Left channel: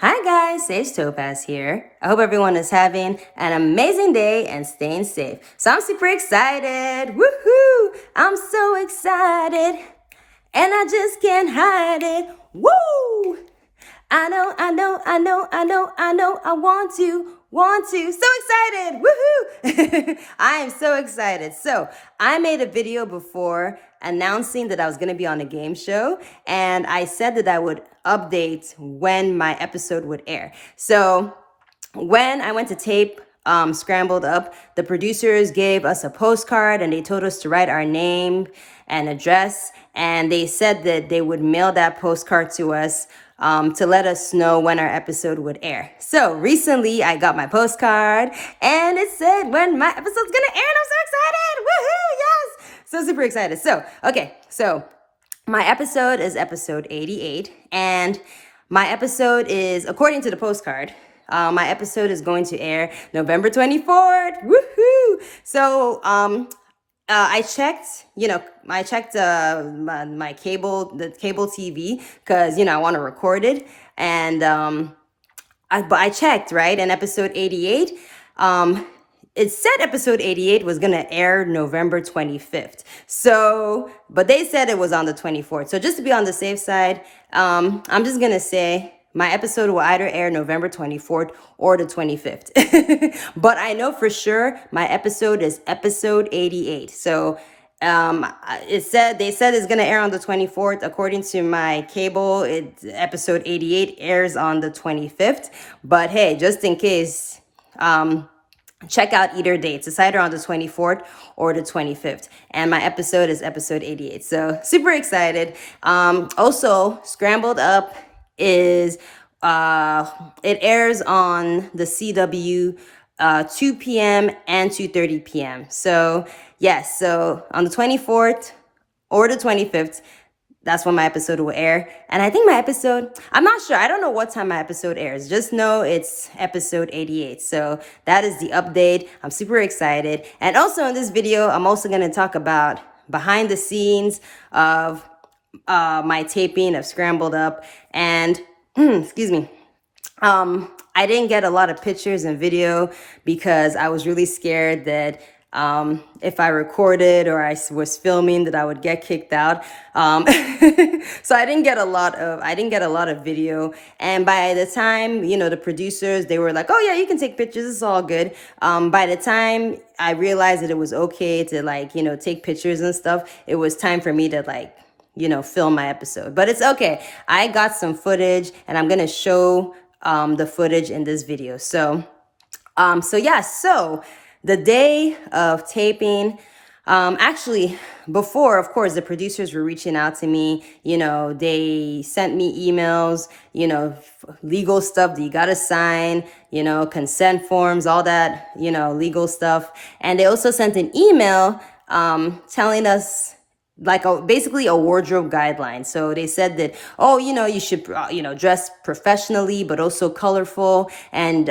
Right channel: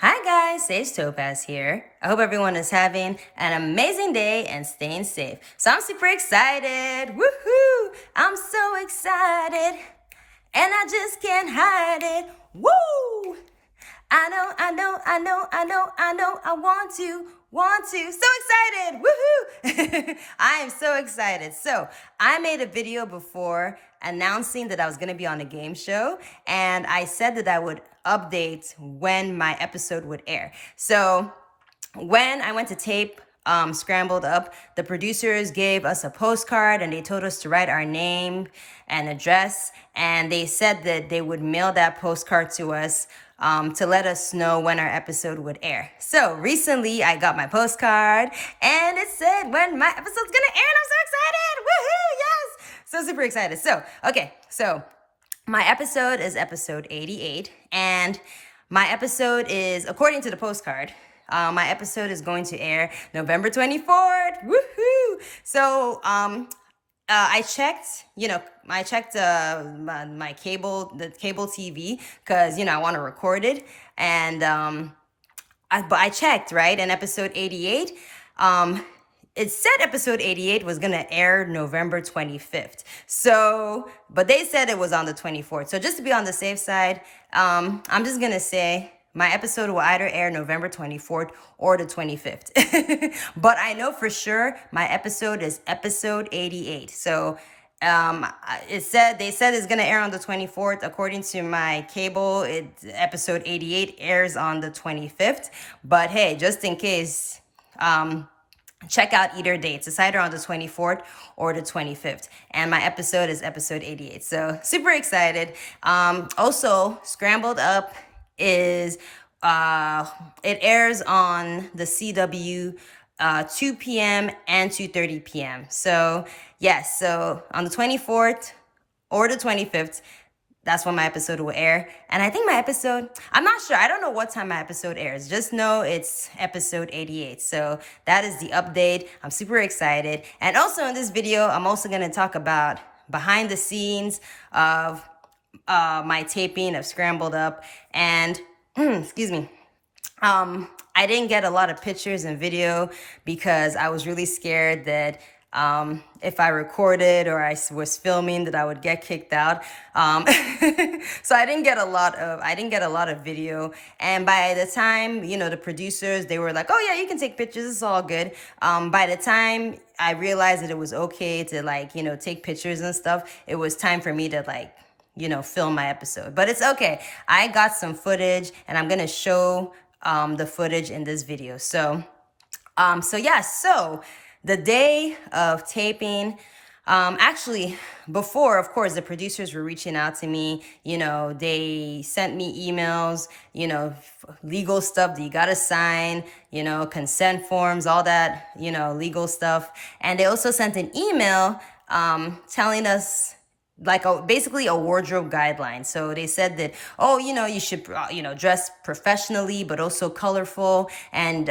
Hi guys, Sage Topaz here. I hope everyone is having an amazing day and staying safe. So I'm super excited. Woohoo! I'm so excited. And I just can't hide it. Woo! I want to. So excited. Woohoo! I am so excited. So I made a video before announcing that I was going to be on a game show, and I said that I would update when my episode would air. So when I went to tape Scrambled Up, the producers gave us a postcard and they told us to write our name and address. And they said that they would mail that postcard to us to let us know when our episode would air. So recently I got my postcard and it said when my episode's gonna air, and I'm so excited. Woohoo! Yes! So super excited. So my episode is episode 88, and my episode is, according to the postcard, my episode is going to air November 24th. Woohoo! So, I checked, my cable, the cable TV, because, I want to record it. And, but I checked, right? And episode 88, it said episode 88 was going to air November 25th. So, but they said it was on the 24th. So just to be on the safe side, I'm just going to say my episode will either air November 24th or the 25th. But I know for sure my episode is episode 88. So they said it's gonna air on the 24th. According to my cable, episode 88 airs on the 25th. But hey, just in case, check out either dates. It's either on the 24th or the 25th. And my episode is episode 88. So super excited. Also, Scrambled Up is it airs on the CW 2 p.m. and 2:30 p.m. So yes, so on the 24th or the 25th, that's when my episode will air. And I think my episode, I'm not sure. I don't know what time my episode airs. Just know it's episode 88. So that is the update. I'm super excited. And also in this video, I'm also going to talk about behind the scenes of my taping of Scrambled Up. And excuse me. I didn't get a lot of pictures and video because I was really scared that if I recorded or I was filming that I would get kicked out. So I didn't get a lot of video. And by the time, the producers, they were like, oh yeah, you can take pictures. It's all good. By the time I realized that it was okay to take pictures and stuff, it was time for me to film my episode. But it's okay. I got some footage and I'm going to show the footage in this video. So the day of taping, actually before, of course, the producers were reaching out to me, they sent me emails, legal stuff that you got to sign, consent forms, all that, legal stuff. And they also sent an email, telling us basically a wardrobe guideline. So they said that, you should, dress professionally, but also colorful. And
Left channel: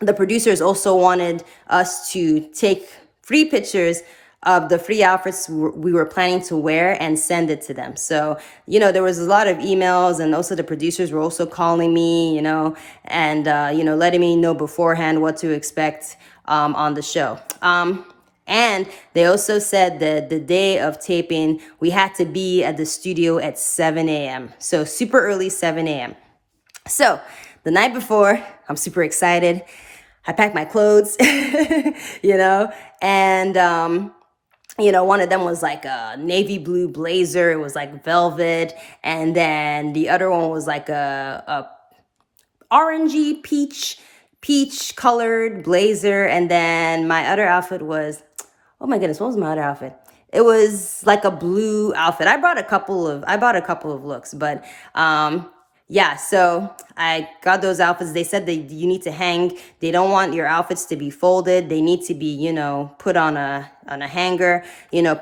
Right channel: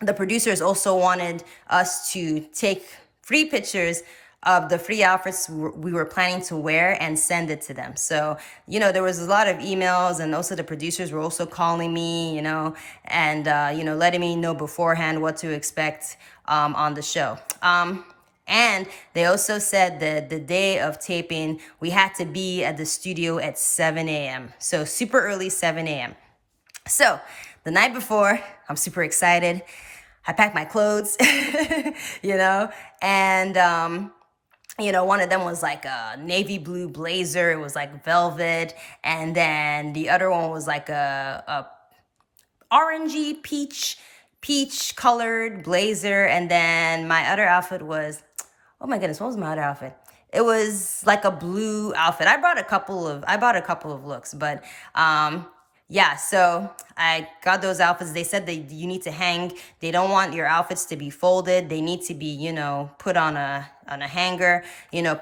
the producers also wanted us to take free pictures of the free outfits we were planning to wear and send it to them. So, there was a lot of emails, and also the producers were also calling me, and, letting me know beforehand what to expect on the show. And they also said that the day of taping, we had to be at the studio at 7 a.m. So super early, 7 a.m. So the night before, I'm super excited. I packed my clothes, and, one of them was like a navy blue blazer. It was like velvet. And then the other one was like a orangey peach colored blazer. And then my other outfit was, oh my goodness, what was my other outfit? It was like a blue outfit. I bought a couple of looks, but yeah, so I got those outfits. They said that you need to hang. They don't want your outfits to be folded. They need to be, put on a hanger,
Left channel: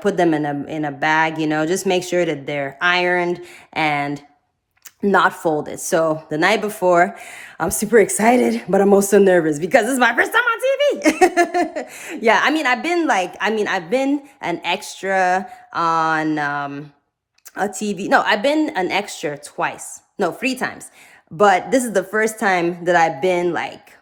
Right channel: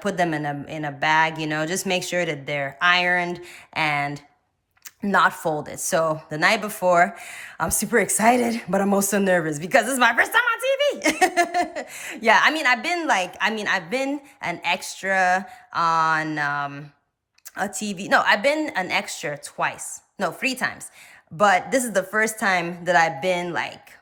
put them in a bag, just make sure that they're ironed and not folded. So the night before, I'm super excited, but I'm also nervous because this is my first time on TV. Yeah, I've been an extra on a TV. No, I've been an extra twice. No, 3 times. But this is the first time that I've been like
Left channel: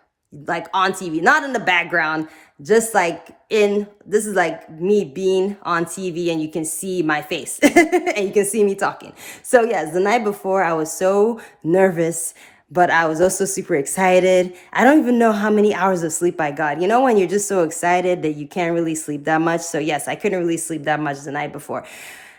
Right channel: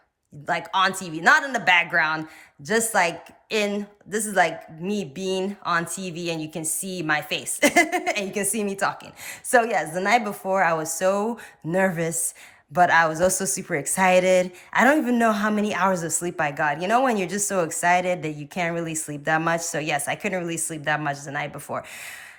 on TV, not in the background, just like in, this is like me being on TV and you can see my face and you can see me talking. So yes, the night before I was so nervous, but I was also super excited. I don't even know how many hours of sleep I got. You know, when you're just so excited that you can't really sleep that much. So yes, I couldn't really sleep that much the night before.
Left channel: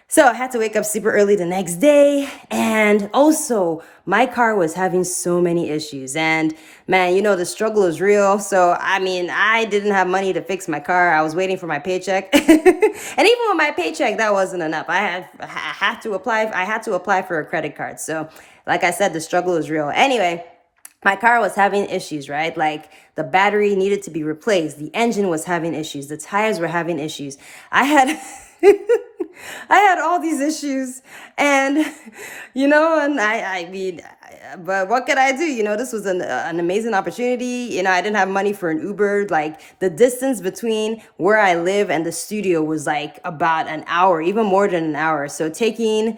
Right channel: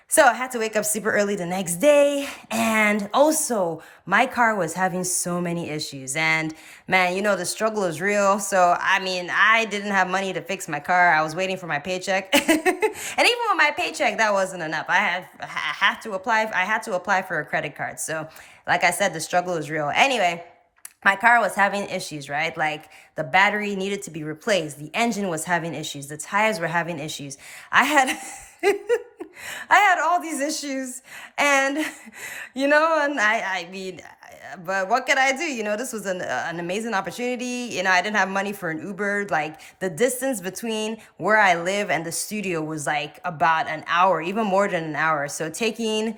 So I had to wake up super early the next day. And also, my car was having so many issues. And man, you know, the struggle is real. So, I mean, I didn't have money to fix my car. I was waiting for my paycheck. And even with my paycheck, that wasn't enough. I had to apply for a credit card. So, like I said, the struggle is real. Anyway, my car was having issues, right? Like the battery needed to be replaced. The engine was having issues. The tires were having issues. I had I had all these issues, and you know, and I mean, but what could I do? You know, this was an amazing opportunity. You know, I didn't have money for an Uber. Like the distance between where I live and the studio was like about an hour, even more than an hour. So taking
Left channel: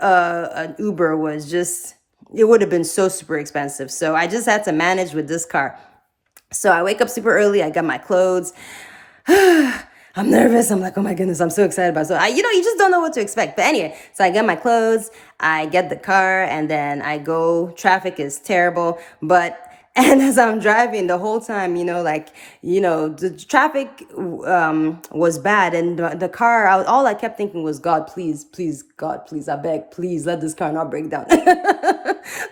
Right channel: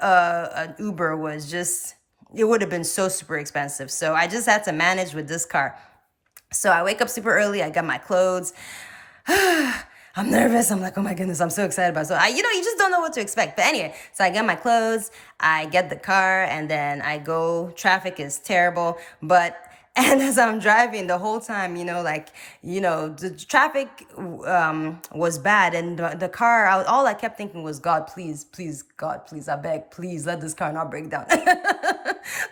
an Uber was just, it would have been so super expensive. So I just had to manage with this car. So I wake up super early. I got my clothes. I'm nervous. I'm like, oh my goodness, I'm so excited about it. So you know, you just don't know what to expect. But anyway, so I get my clothes, I get the car, and then I go. Traffic is terrible, and as I'm driving the whole time, you know, like, you know, the traffic was bad, and the car, all I kept thinking was, God, please, please, God, please, I beg, please let this car not break down.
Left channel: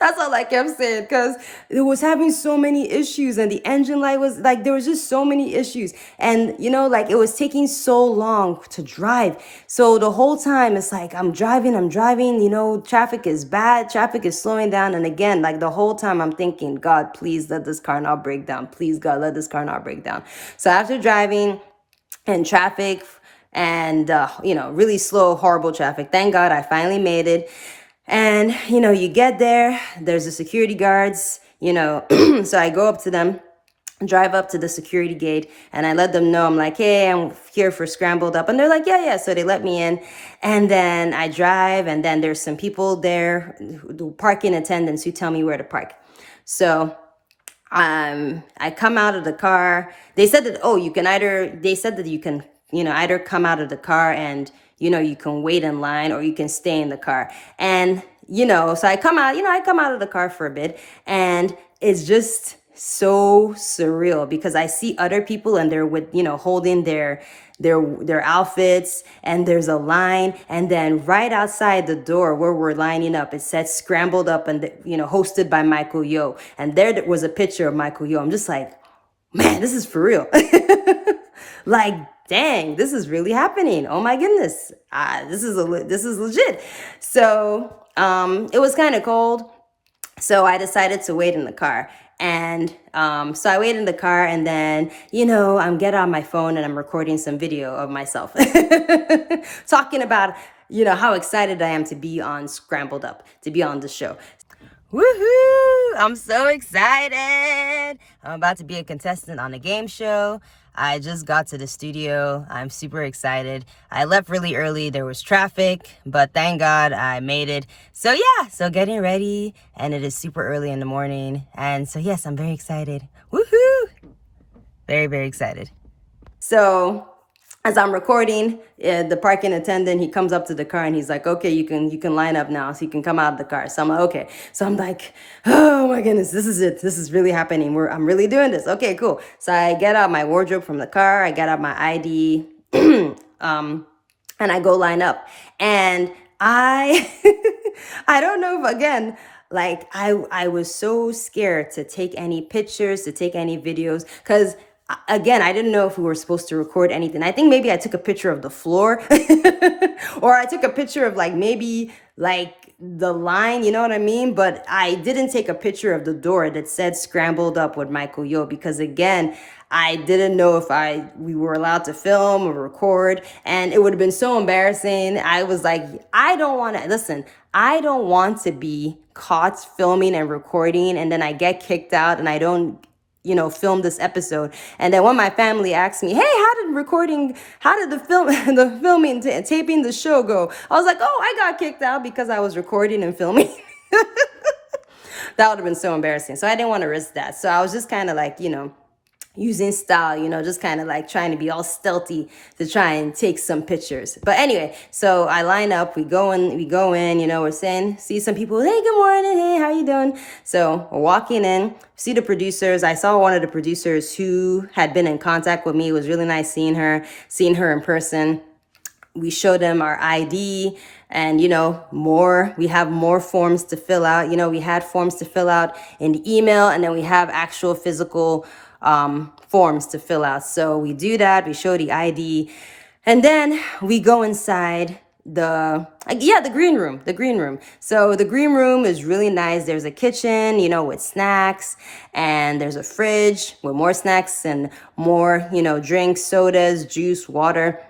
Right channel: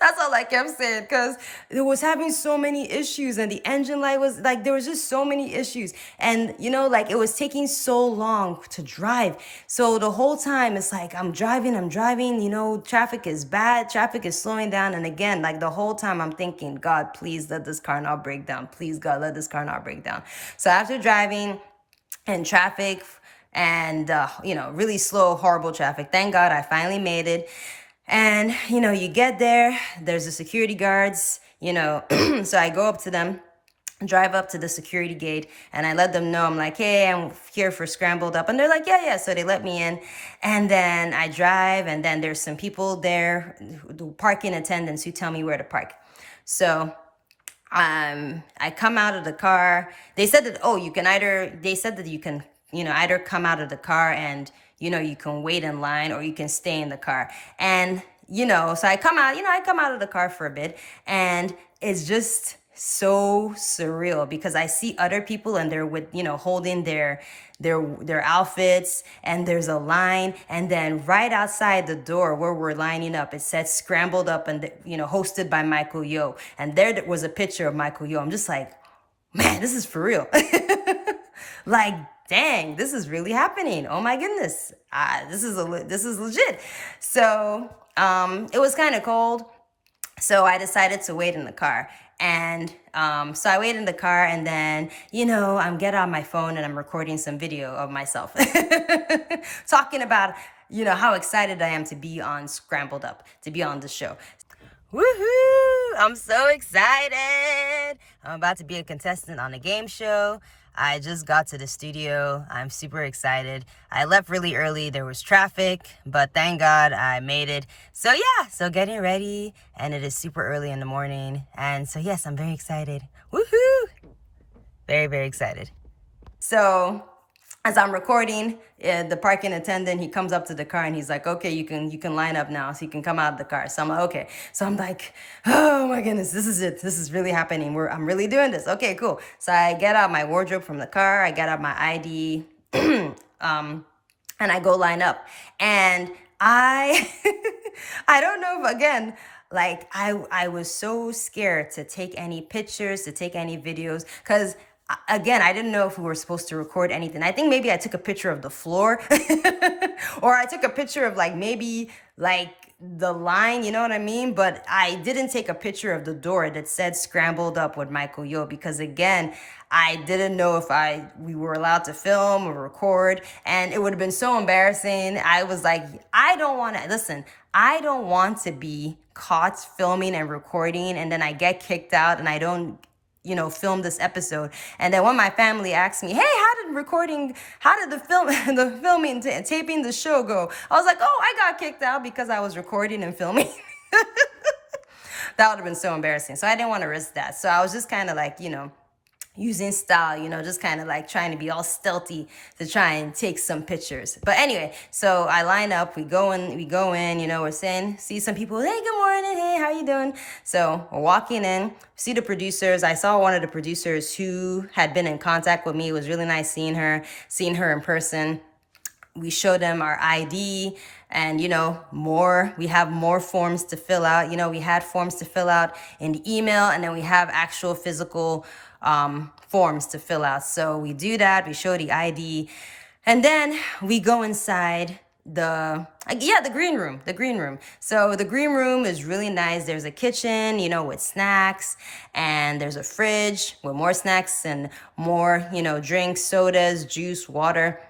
That's all I kept saying, because it was having so many issues, and the engine light was like, there was just so many issues, and you know, like it was taking so long to drive. So the whole time it's like I'm driving, you know, traffic is bad, traffic is slowing down, and again, like the whole time I'm thinking, God, please let this car not break down. Please, God, let this car not break down. So after driving and traffic and you know, really slow, horrible traffic, thank God I finally made it. And, you know, you get there, there's the security guards, you know, so I go up to them, drive up to the security gate, and I let them know, I'm like, hey, I'm here for Scrambled Up. And they're like, yeah. So they let me in. And then I drive, and then there's some people there, parking attendants, who tell me where to park. So I come out of the car. They said that, you can, you know, either come out of the car and, you know, you can wait in line, or you can stay in the car. And, you know, so I come out of the car for a bit, and it's just so surreal because I see other people and they're with, you know, holding their outfits, and there's a line, and then right outside the door where we're lining up, it said Scrambled Up, and you know, hosted by Michael Yo, and there was a picture of Michael Yo. I'm just like, man, this is for real. Like, dang, this is really happening. Oh my goodness, this is legit. So it was kind of cold, so I decided to wait in the car. And so I wait in the car, and then, you know, I'm get on my phone and I'm recording some video of myself talking about, you know, how excited I am to be on Scrambled Up, to be on the show. Woohoo! I'm so excited. I'm about to be a contestant on a game show. I just got to the studio. I'm super excited. I left really early. There was traffic, but thank God I made it. So yeah, so getting ready, and it is super early in the morning. And so yes, I'm very excited. Woohoo! Very, very excited. So as I'm recording, the parking attendant, he comes up to the car and he's like, okay, you can line up now, so you can come out of the car. So I'm like, okay. So I'm like, oh my goodness, this is it. This is really happening. I'm really doing this. Okay, cool. So I get out my wardrobe from the car. I get out my ID, and I go line up. And I don't know if, again, like I was so scared to take any pictures, to take any videos, because again, I didn't know if we were supposed to record anything. I think maybe I took a picture of the floor or I took a picture of like maybe like the line, you know what I mean? But I didn't take a picture of the door that said Scrambled Up with Michael Yo, because again, I didn't know if we were allowed to film or record, and it would have been so embarrassing. I was like, I don't want to be caught filming and recording, and then I get kicked out and I don't, you know, film this episode. And then when my family asked me, hey, recording? How did the the filming, taping the show go? I was like, oh, I got kicked out because I was recording and filming. That would have been so embarrassing. So I didn't want to risk that. So I was just kind of like, using style, just kind of like trying to be all stealthy to try and take some pictures. But anyway, so I line up, we go in, we're saying, see some people, hey, good morning, hey, how you doing? So we're walking in, see the producers. I saw one of the producers who had been in contact with me. It was really nice seeing her in person. We showed them our ID and, we have more forms to fill out. We had forms to fill out in the email, and then we have actual physical forms to fill out. So we do that, we show the ID, and then we go inside the green room. So the green room is really nice. There's a kitchen, with snacks, and there's a fridge with more snacks and more, drinks, sodas, juice, water.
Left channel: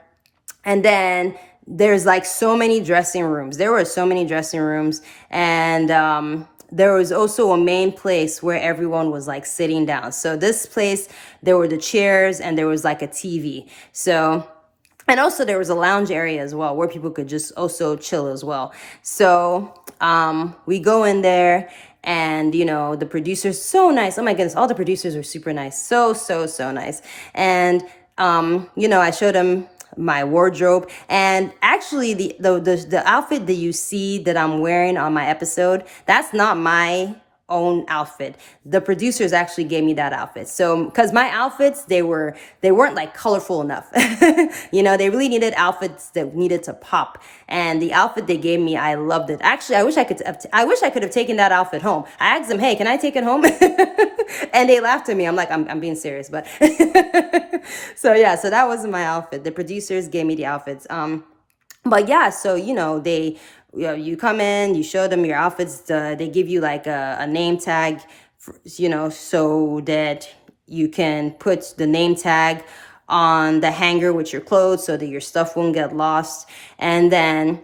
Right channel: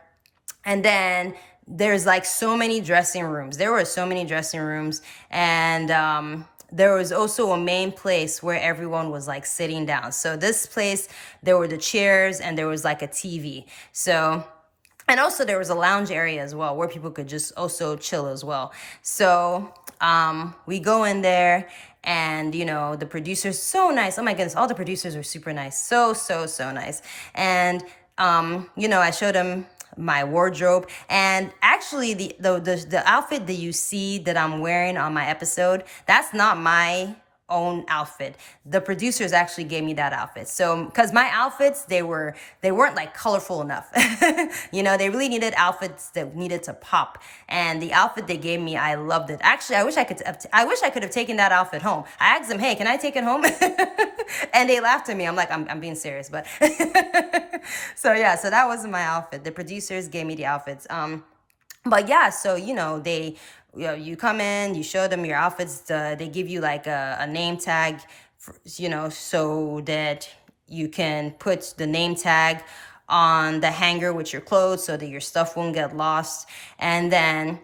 And then there's like so many dressing rooms. There were so many dressing rooms. And there was also a main place where everyone was like sitting down. So this place, there were the chairs and there was like a TV. So, and also there was a lounge area as well where people could just also chill as well. So we go in there, and the producers, so nice. Oh my goodness, all the producers were super nice. So nice. And I showed them my wardrobe, and actually the outfit that you see that I'm wearing on my episode, that's not my own outfit. The producers actually gave me that outfit. So because my outfits, they weren't like colorful enough. They really needed outfits that needed to pop, and the outfit they gave me, I loved it. Actually, I wish I could have taken that outfit home. I asked them, hey, can I take it home? And they laughed at me. I'm like, I'm being serious, but so that wasn't my outfit. The producers gave me the outfits. But yeah, so they, you come in, you show them your outfits. They give you like a name tag, so that you can put the name tag on the hanger with your clothes so that your stuff won't get lost. And then,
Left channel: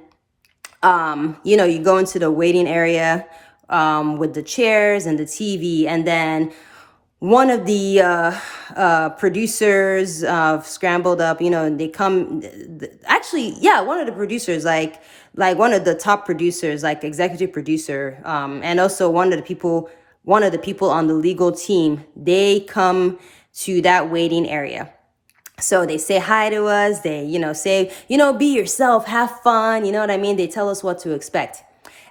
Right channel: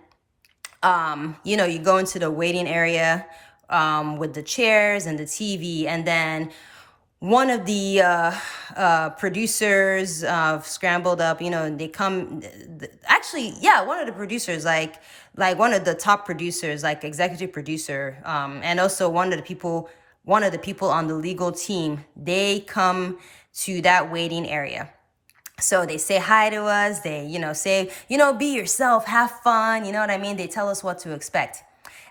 you go into the waiting area with the chairs and the TV, and then one of the producers of Scrambled Up, they come, one of the producers, like one of the top producers, like executive producer, and also one of the people on the legal team, they come to that waiting area. So they say hi to us, they, say, be yourself, have fun, you know what I mean? They tell us what to expect.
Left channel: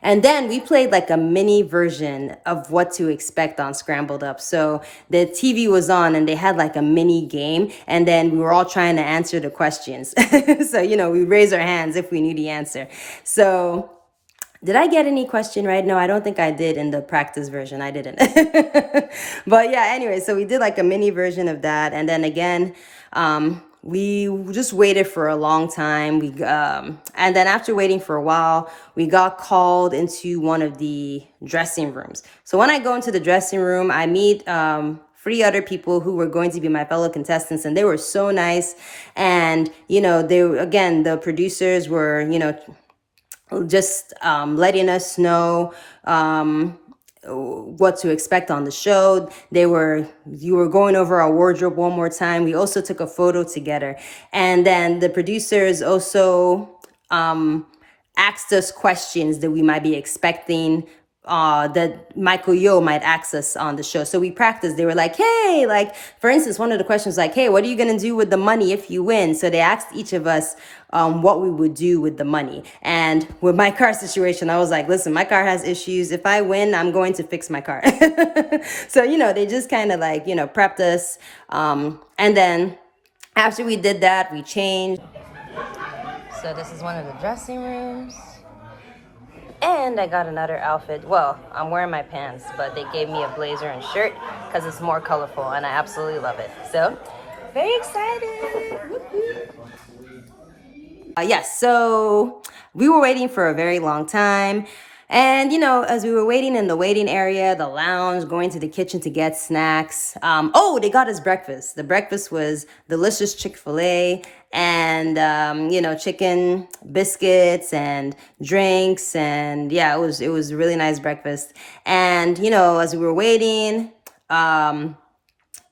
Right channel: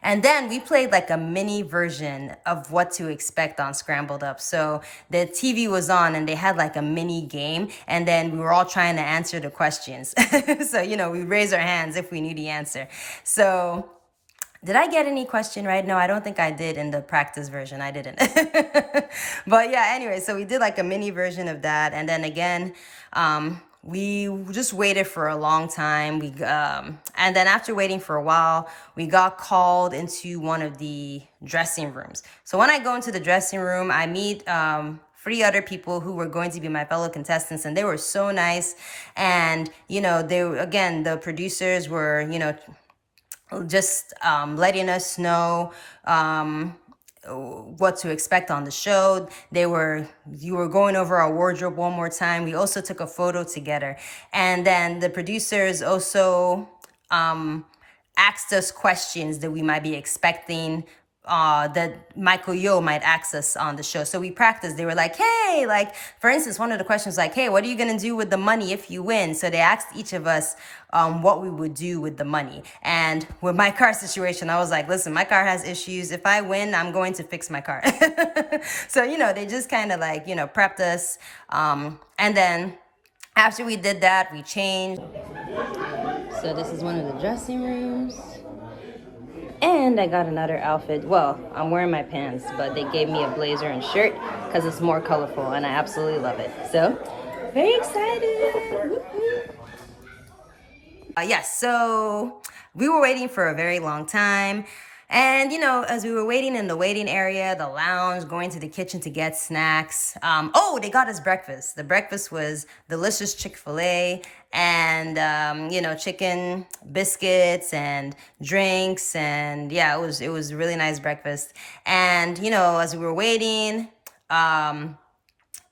And then we played like a mini version of what to expect on Scrambled Up. So the TV was on and they had like a mini game, and then we were all trying to answer the questions. So, we raise our hands if we knew the answer. So did I get any question right? No, I don't think I did in the practice version. I didn't. But yeah, anyway, so we did like a mini version of that. And then again, we just waited for a long time. And then after waiting for a while, we got called into one of the dressing rooms. So when I go into the dressing room, I meet 3 other people who were going to be my fellow contestants, and they were so nice. And, the producers were, just letting us know what to expect on the show. You were going over our wardrobe one more time. We also took a photo together, and then the producers also asked us questions that we might be expecting that Michael Yo might ask us on the show. So we practiced. They were like, hey, like, for instance, one of the questions like, hey, what are you going to do with the money if you win? So they asked each of us what we would do with the money. And with my car situation, I was like, listen, my car has issues. If I win, I'm going to fix my car. So, they just kind of like, prepped us. And then after we did that, we changed. So this is one of the dressing rooms. And I got another outfit. Well, I'm wearing my pants, but they gave me a blazer and shirt because it's more colorful, and I absolutely love it. So, very excited. Yes, so we were waiting for a very long time. And, as we were waiting in the waiting area, the lounge, going to the kitchen to get snacks. They got us breakfast. The breakfast was delicious Chick-fil-A and, chicken biscuits and drinks. And yeah, it was a really nice breakfast. And, as we were waiting,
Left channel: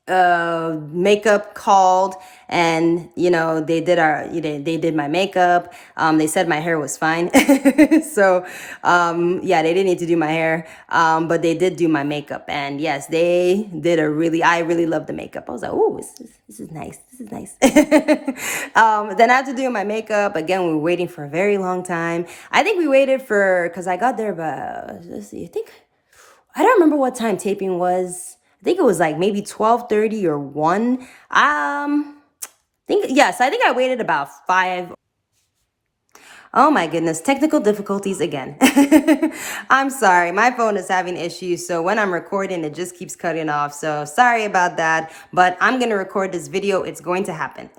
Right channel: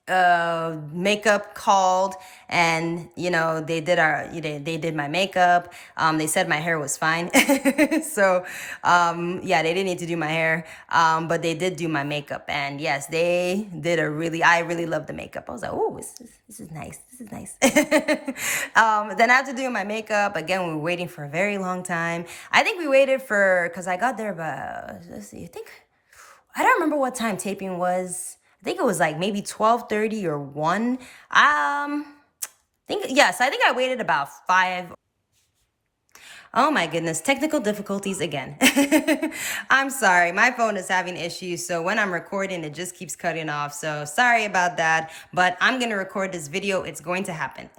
makeup called, and they did my makeup. They said my hair was fine. So yeah, they didn't need to do my hair, but they did do my makeup, and yes, they did I really love the makeup. I was like, oh, this is nice, this is nice. Then after doing my makeup again, we were waiting for a very long time. I think we waited because I got there, but let's see, I don't remember what time taping was. I think it was like maybe 12:30 or 1. I think I waited about 5. Oh my goodness, technical difficulties again. I'm sorry, my phone is having issues, so when I'm recording, it just keeps cutting off. So sorry about that, but I'm gonna record this video. It's going to happen.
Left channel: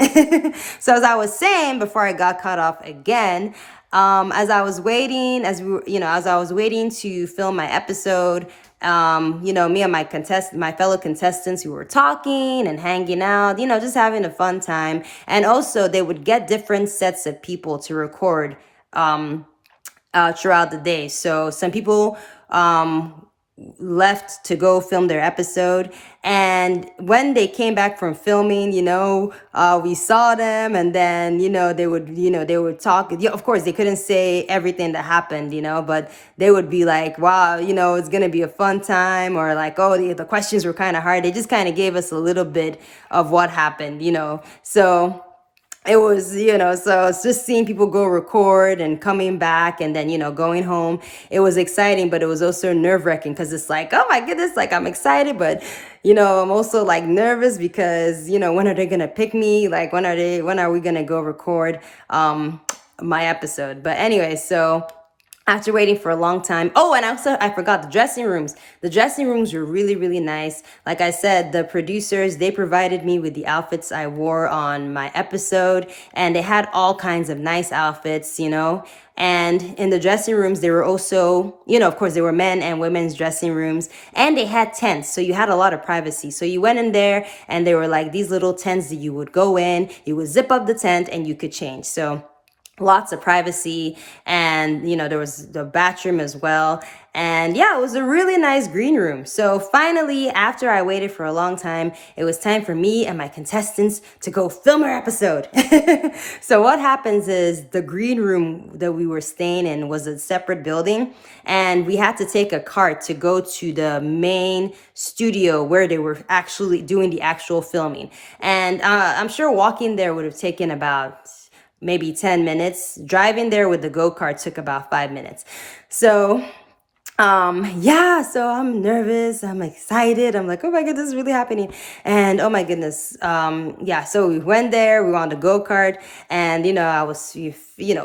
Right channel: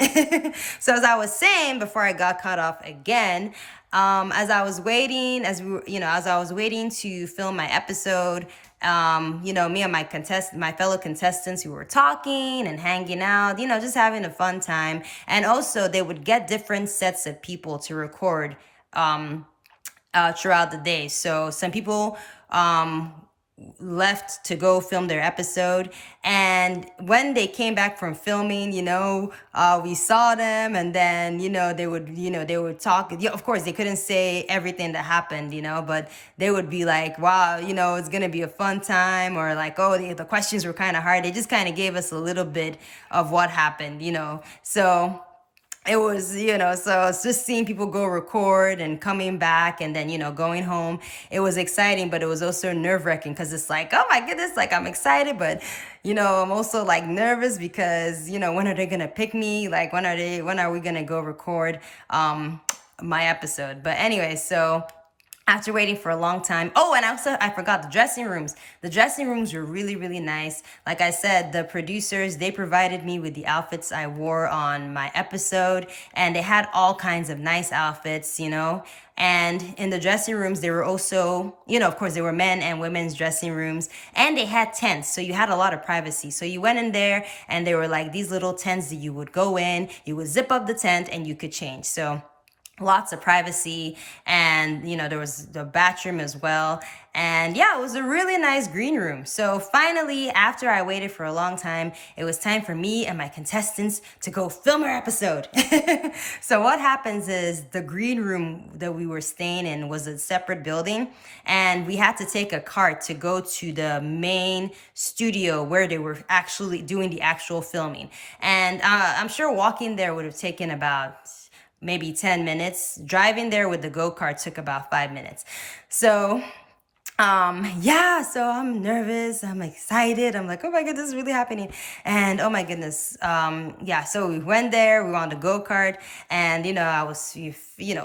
So as I was saying before I got cut off again, as I was waiting, as I was waiting to film my episode, me and my fellow contestants, who were talking and hanging out, just having a fun time. And also they would get different sets of people to record, throughout the day. So some people, left to go film their episode, and when they came back from filming, we saw them, and then they would talk. Yeah, of course they couldn't say everything that happened, but they would be like, wow, it's gonna be a fun time, or like, oh, the questions were kind of hard. They just kind of gave us a little bit of what happened, so it was, so it's just seeing people go record and coming back, and then, going home. It was exciting, but it was also nerve-wracking, because it's like, oh my goodness, like I'm excited, but, I'm also like nervous because, when are they going to pick me? Like, when are we going to go record my episode? But anyway, so after waiting for a long time. Oh, and also I forgot the dressing rooms. The dressing rooms were really, really nice. Like I said, the producers, they provided me with the outfits I wore on my episode, and they had all kinds of nice outfits, And in the dressing rooms, they were also, of course, there were men and women's dressing rooms, and they had tents. So you had a lot of privacy. So you went in there, and there were like these little tents that you would go in, you would zip up the tent, and you could change. So lots of privacy, and there was the bathroom as well, and yeah, it was a really nice green room. So finally, after I waited for a long time, it was time for me and my contestants to go film our episode. So what happens is, the green room that we were staying in was a separate building, and we had to take a cart to go to the main studio where they were actually doing the actual filming. And I'm sure walking there would have taken about maybe 10 minutes. Driving there with the go-kart took about 5 minutes. So so I'm nervous, I'm excited, I'm like, oh my goodness, this is really happening. And oh my goodness, so we went there, we were on the go-kart, and I was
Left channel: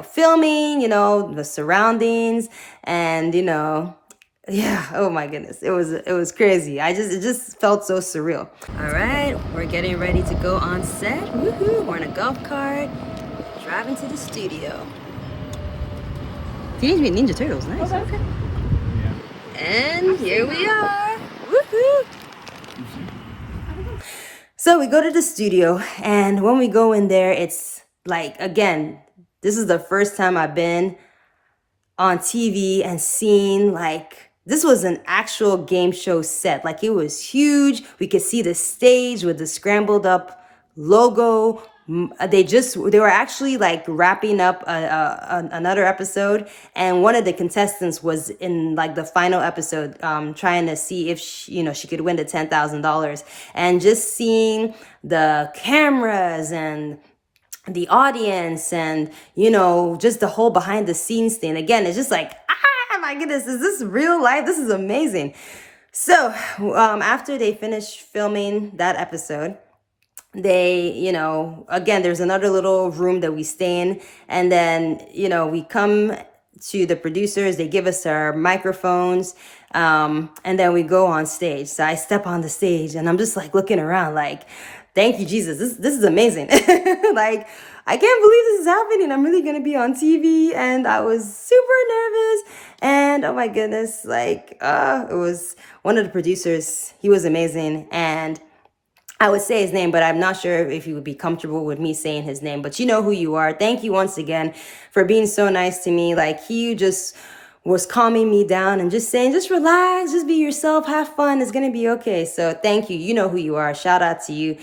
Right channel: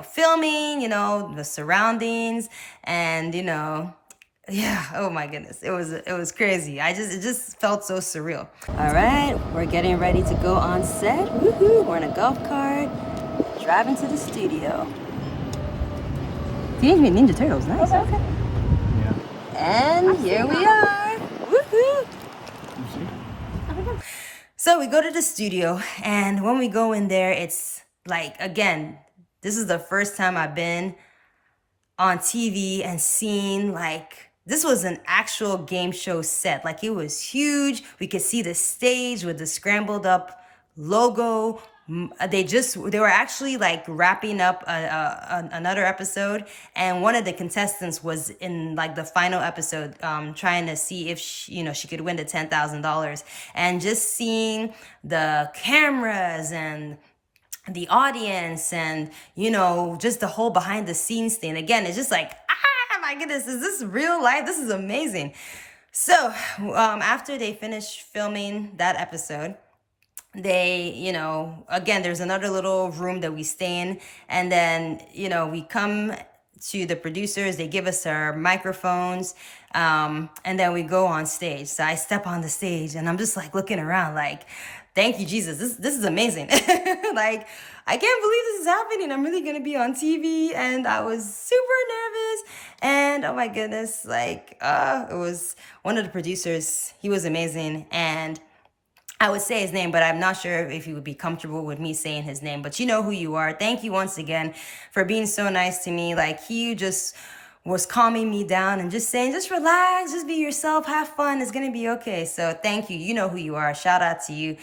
filming, the surroundings, and oh my goodness, it was crazy. It just felt so surreal. All right, we're getting ready to go on set. Woohoo! We're in a golf cart, driving to the studio. Teenage Mutant Ninja Turtles, nice. Okay. And here we are. Woohoo! So we go to the studio, and when we go in there, it's like, again, this is the first time I've been on TV and seen, like, this was an actual game show set. Like, it was huge. We could see the stage with the Scrambled up logo. They were actually like wrapping up another episode, and one of the contestants was in like the final episode, trying to see if she could win the $10,000. And just seeing the cameras and the audience, and just the whole behind the scenes thing, again, it's just like, my goodness, is this real life? This is amazing. So after they finished filming that episode, they, again, there's another little room that we stay in, and then, we come to the producers, they give us our microphones, and then we go on stage. So I step on the stage, and I'm just like looking around like, thank you, Jesus, this is amazing. Like, I can't believe this is happening. I'm really gonna be on TV, and I was super nervous, and oh my goodness, like, it was one of the producers, he was amazing, and I would say his name, but I'm not sure if he would be comfortable with me saying his name, but you know who you are. Thank you once again for being so nice to me. Like, he just was calming me down and just saying, just relax, just be yourself, have fun, it's gonna be okay. So thank you. You know who you are. Shout out to you.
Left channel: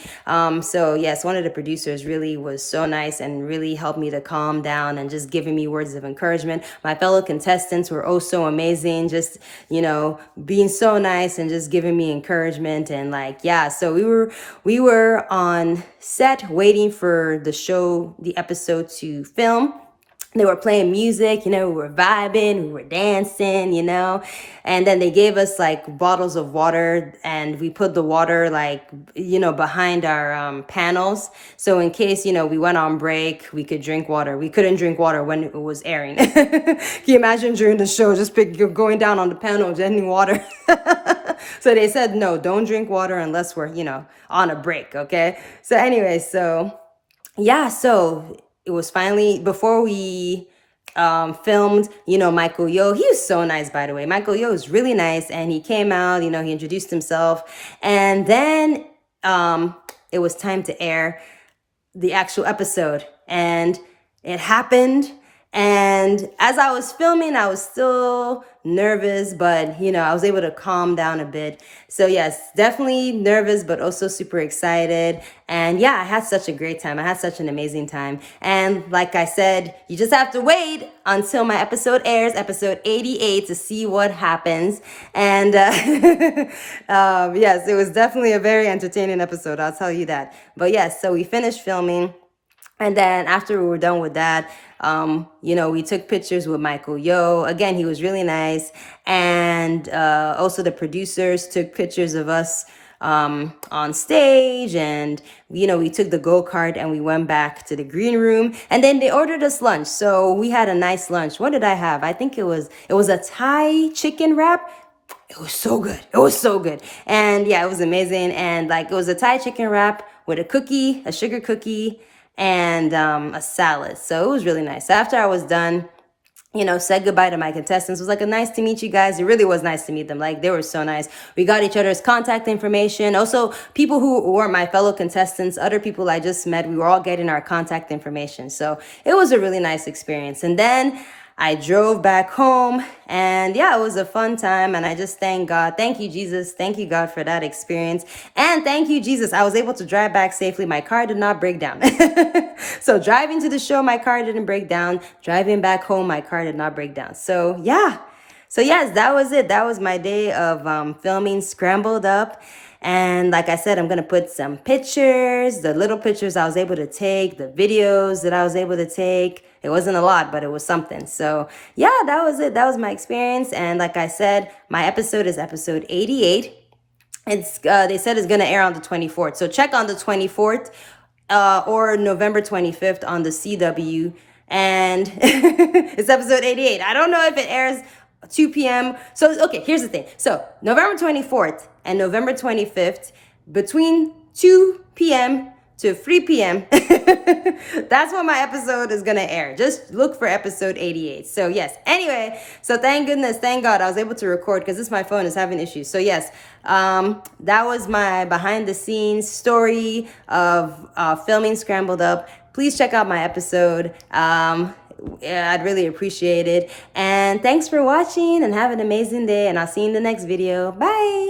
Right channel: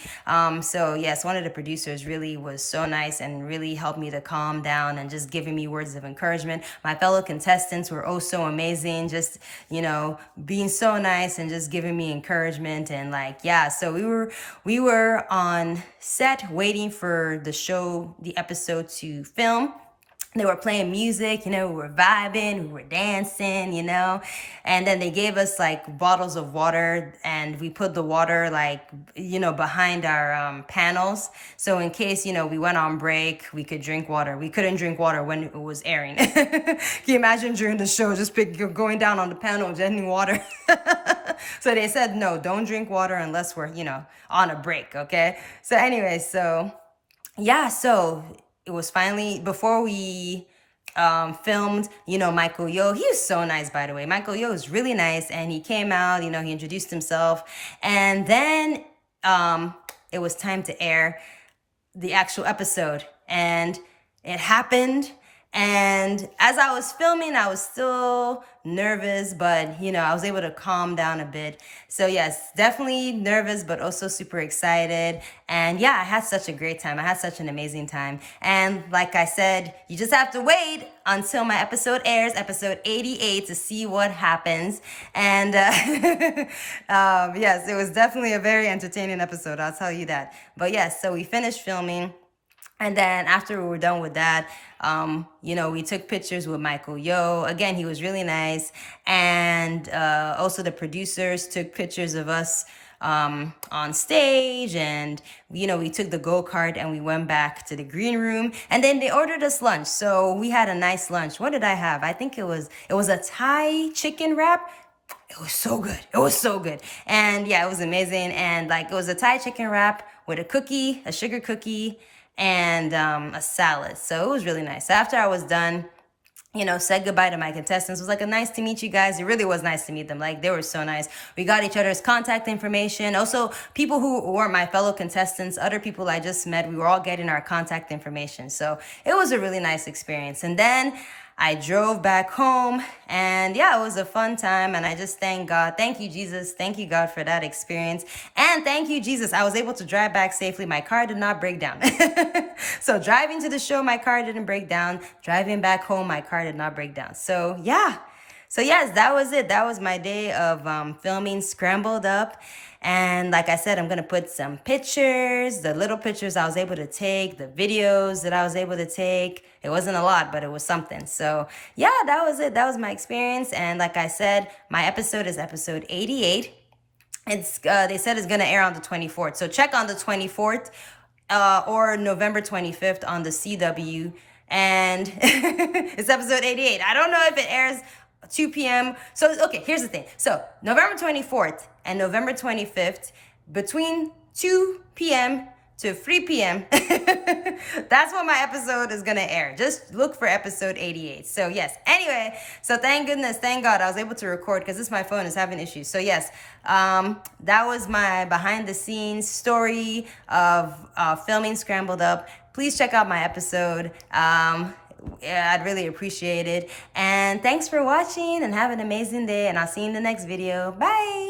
So yes, one of the producers really was so nice and really helped me to calm down and just giving me words of encouragement. My fellow contestants were oh so amazing, just, being so nice and just giving me encouragement. And like, yeah, so we were on set waiting for the episode to film. They were playing music, we were vibing, we were dancing, and then they gave us like bottles of water, and we put the water like, behind our panels. So in case, we went on break, we could drink water. We couldn't drink water when it was airing. Can you imagine during the show, just going down on the panel, getting water? So they said, no, don't drink water unless we're, on a break, okay? So anyway, yeah, so it was finally before we filmed, Michael Yo. He was so nice, by the way. Michael Yo was really nice, and he came out, he introduced himself, and then it was time to air the actual episode, and it happened. And as I was filming, I was still nervous, but I was able to calm down a bit. So yes, definitely nervous, but also super excited. And yeah, I had such a great time. I had such an amazing time. And like I said, you just have to wait until my episode airs, episode 88, to see what happens. And yes, it was definitely a very entertaining episode, I'll tell you that. But yes, so we finished filming. And then after we were done with that, we took pictures with Michael Yo. Again, he was really nice. And also the producers took pictures of us on stage. And, we took the go-kart and we went back to the green room. And then they ordered us lunch. So we had a nice lunch. What did I have? I think it was a Thai chicken wrap. It was so good. It was so good. And yeah, it was amazing. And like, it was a Thai chicken wrap with a cookie, a sugar cookie, and a salad. So it was really nice. After I was done, said goodbye to my contestants. It was like, nice to meet you guys. It really was nice to meet them. Like, they were so nice. We got each other's contact information. Also, people who weren't my fellow contestants, other people I just met, we were all getting our contact information. So it was a really nice experience. And then I drove back home, and yeah, it was a fun time. And I just thank God. Thank you, Jesus. Thank you, God, for that experience. And thank you, Jesus. I was able to drive back safely. My car did not break down. So driving to the show, my car didn't break down. Driving back home, my car did not break down. So yeah. So yes, that was it. That was my day of filming Scrambled Up. And like I said, I'm going to put some pictures, the little pictures I was able to take, the videos that I was able to take. It wasn't a lot, but it was something. So yeah, that was it. That was my experience. And like I said, my episode is episode 88. It's they said it's going to air on the 24th. So check on the 24th or November 25th on the CW. And it's episode 88. I don't know if it airs 2 p.m. So, okay, here's the thing. So November 24th and November 25th, between 2 p.m. to 3 p.m., that's when my episode is going to air. Just look for episode 88. So yes, anyway, so thank goodness, thank God I was able to record, because my phone is having issues. So yes, that was my behind the scenes story of filming Scrambled Up. Please check out my episode. I'd really appreciate it. And thanks for watching, and have an amazing day, and I'll see you in the next video. Bye.